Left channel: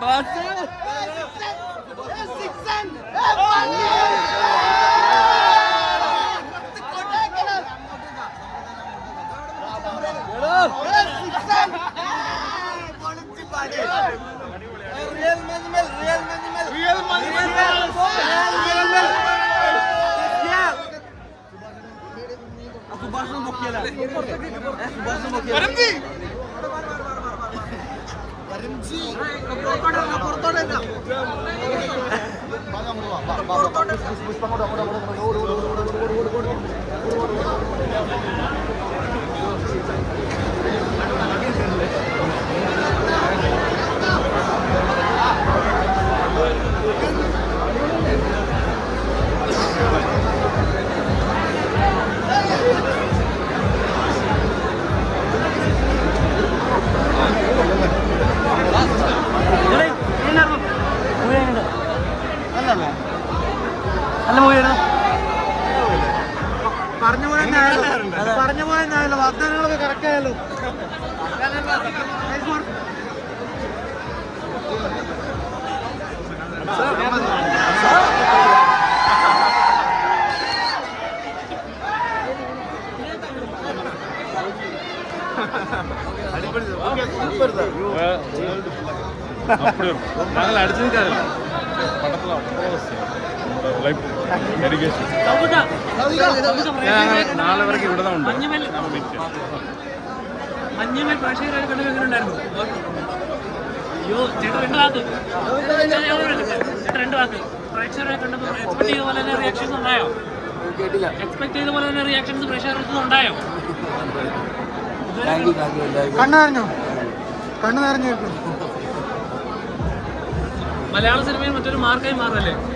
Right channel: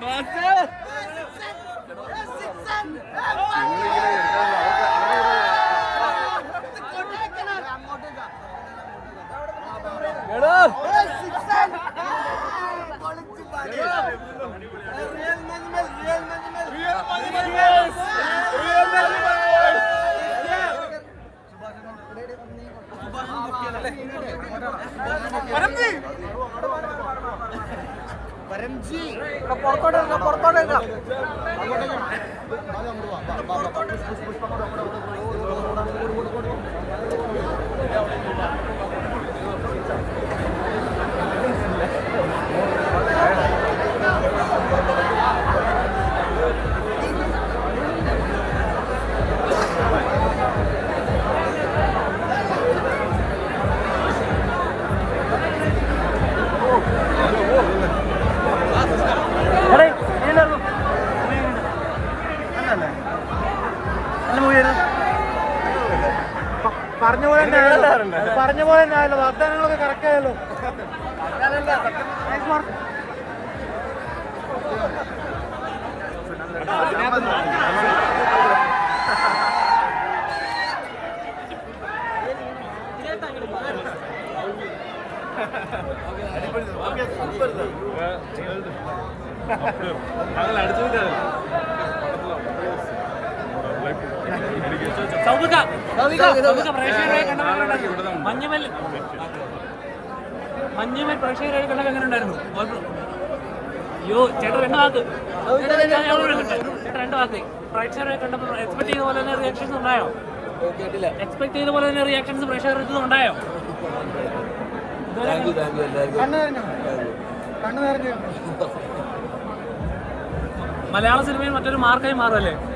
Bastı. വരം നല്ല പറഞ്ഞ പോലെ തന്നെ ആയല്ലോ പറഞ്ഞ പോലെ തന്നെ ആയല്ലോ വാഗ്ദാനങ്ങളൊക്കെ കറക്റ്റ് ആയല്ലോ നല്ല work. ഉണ്ടായിരുന്നു രണ്ട് കണ്ടപ്പോൾ ചെയ്ത പോലെ തന്നെ ഉണ്ടായോ ചെയ്ത പോലെ തന്നെ ഉണ്ടായോ മലയാള സിനിമയിൽ മറ്റൊരു മാർക്കായി ആഗ്രഹമൊന്നുമില്ല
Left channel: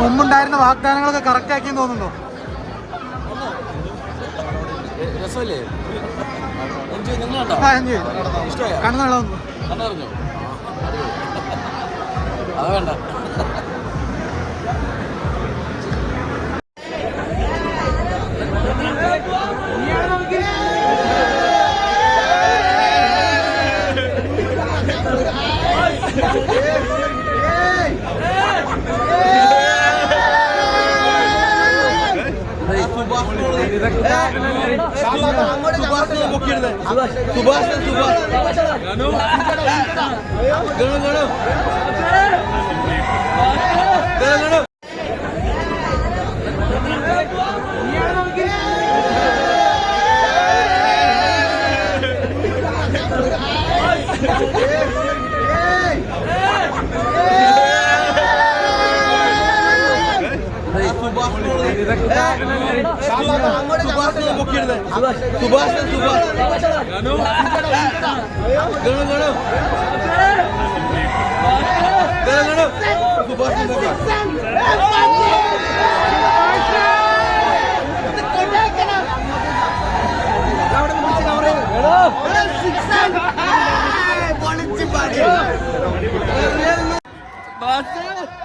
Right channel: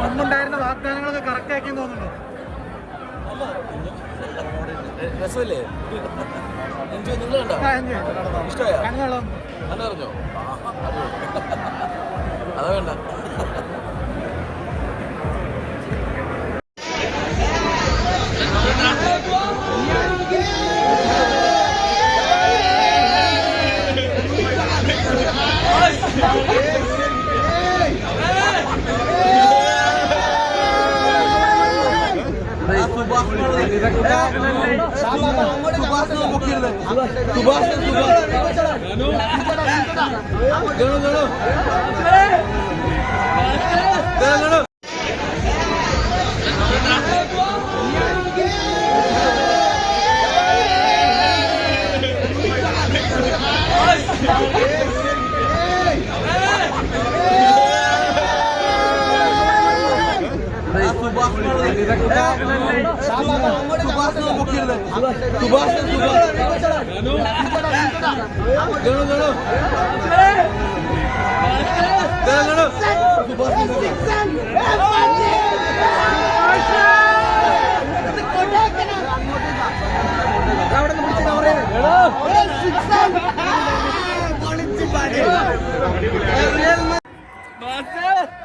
മുമ്പുണ്ടായിരുന്ന വാഗ്ദാനങ്ങളൊക്കെ കറക്റ്റ് ആക്കി തോന്നുന്നുണ്ടോ? രസമല്ലേ? എൻജോയ് നിങ്ങൾ കണ്ടോ? ആ enjoy ചെയ്തു. ഇഷ്ടമായോ? കണ്ണ് കണ്ടറിഞ്ഞോ? അതാ വേണ്ട सुभाष सुभाष. മുക്കിയത് സുഭാഷ് സുഭാഷ് അവിടെ നിന്ന് പിടിച്ച് കവർ ചെയ്ത് പൊളിച്ചു പാടി